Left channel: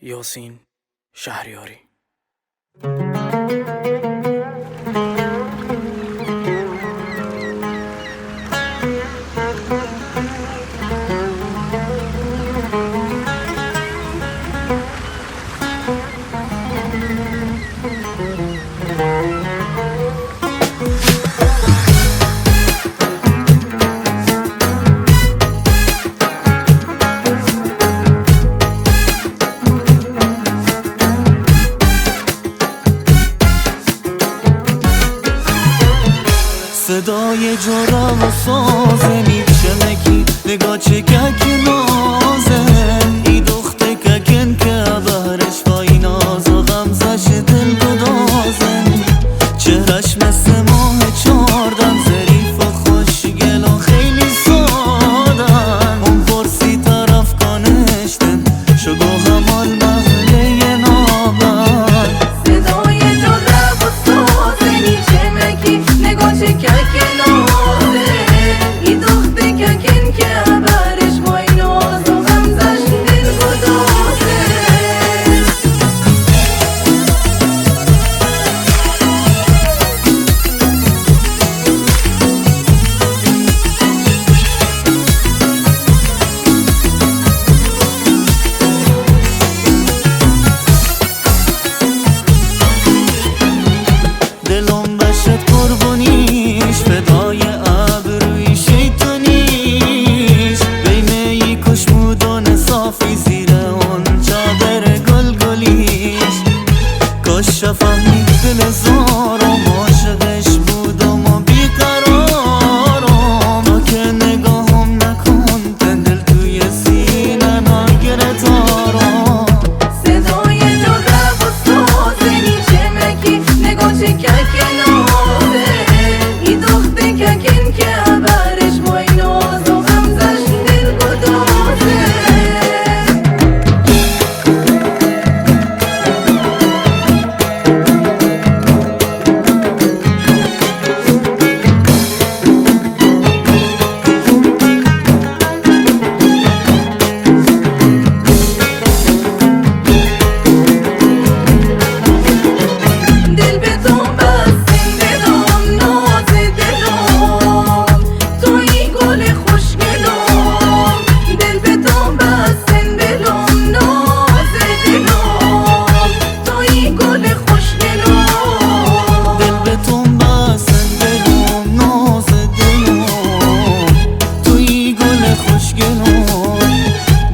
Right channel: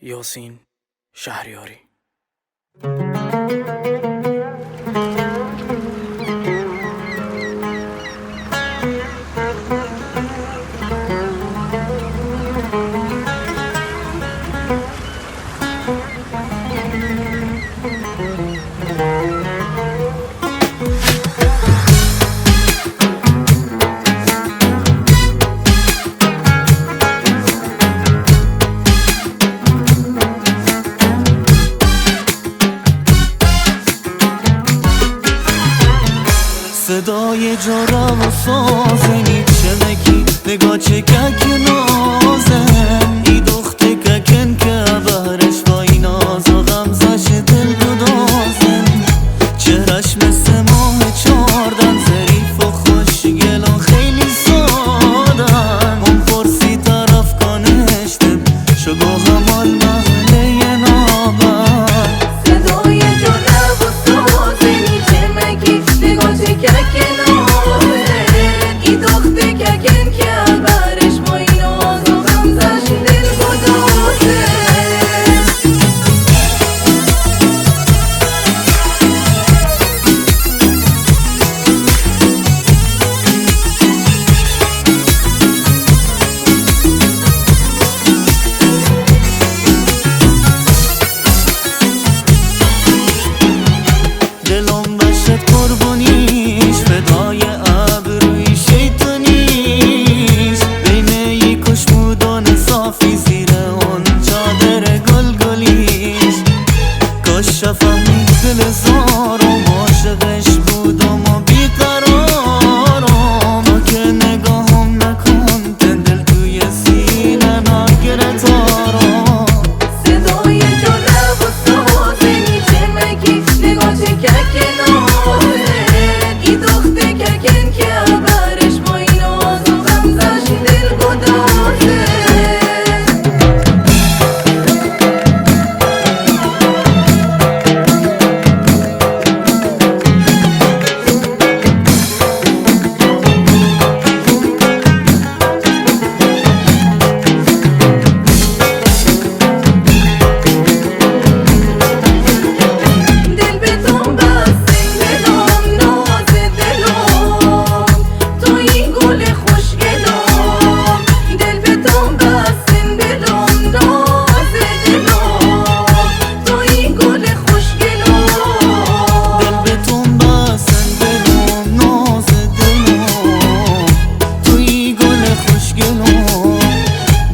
یاسین شهریاری. صدای جرم و سازنی چمکی نگاه چکک نازن ای دخته ککن که بهرش وای ناز و غمزش دل گدازن چهرش مثل ماه چاردن ظریف و خوشگل و خیلی سادن اون پرسی طرف کانشتن شگو همال محله نابن دلم بشت قربونیش فدای ابروی شیطونیش بین ای کشمودان صافی زیر اون چادر گلگلیش کاش فهمید دل زارم عاشقش بودم و بیقرارم تا که نگاهم نکن دل توی سینه ناگره تارم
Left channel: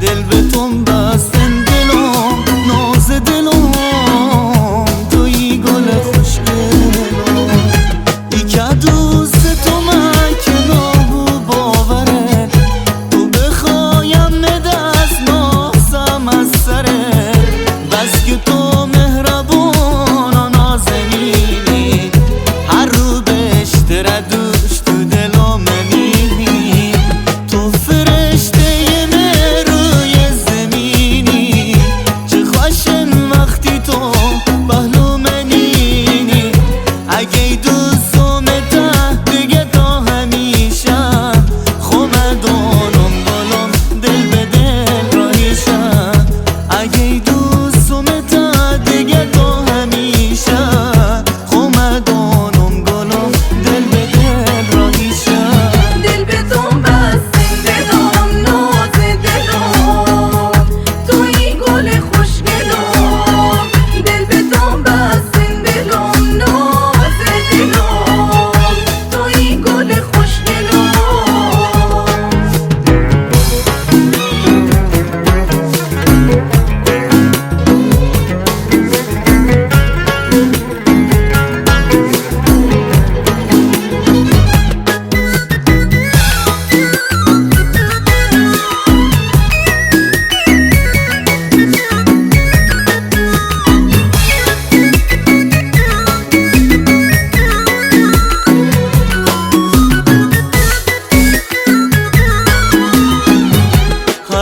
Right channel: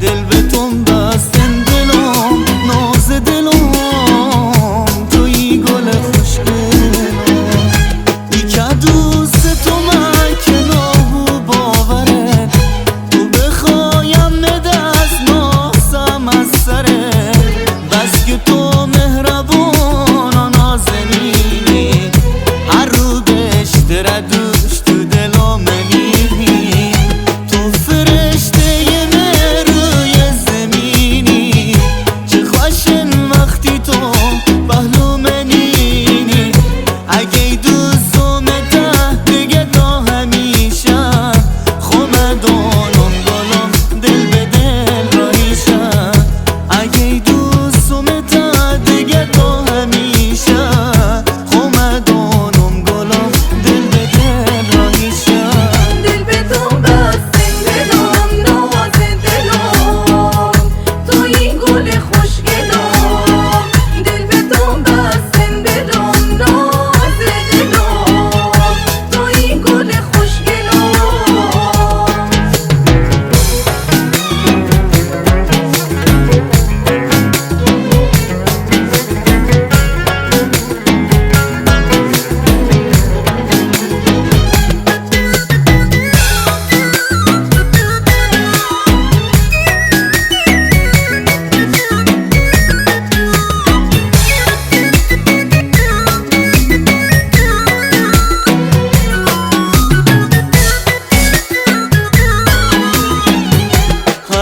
دل به تون بستن دلم ناز دلم توی گل خوشگلم ای که دوست تو من که نابو باورت تو بخوایم ندست ناسم از سرت بس که تو مهربان و نازنینی هر رو بشتر دوش تو دلم منینی تو فرشته روی زمینی چه خوشن وقتی تو پهلو منینی اگه دوستم ته دیگه تا همیشه خمدانم گلم دل به دل راهیشم اگه دوستم ته دیگه تا همیشه خمدانم گلم دل به دل راهیشم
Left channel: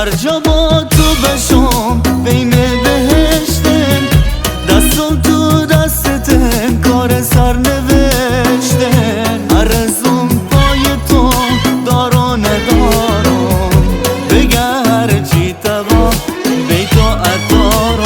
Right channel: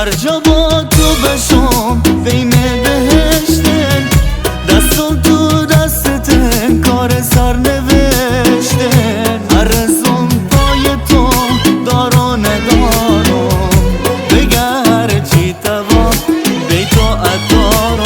هر جا با تو بشم بین بهشتن دستم تو دستتن کار سر نوشتن عرضم پای تو دارو ندارم بگه هر چی توا بی تو ادارم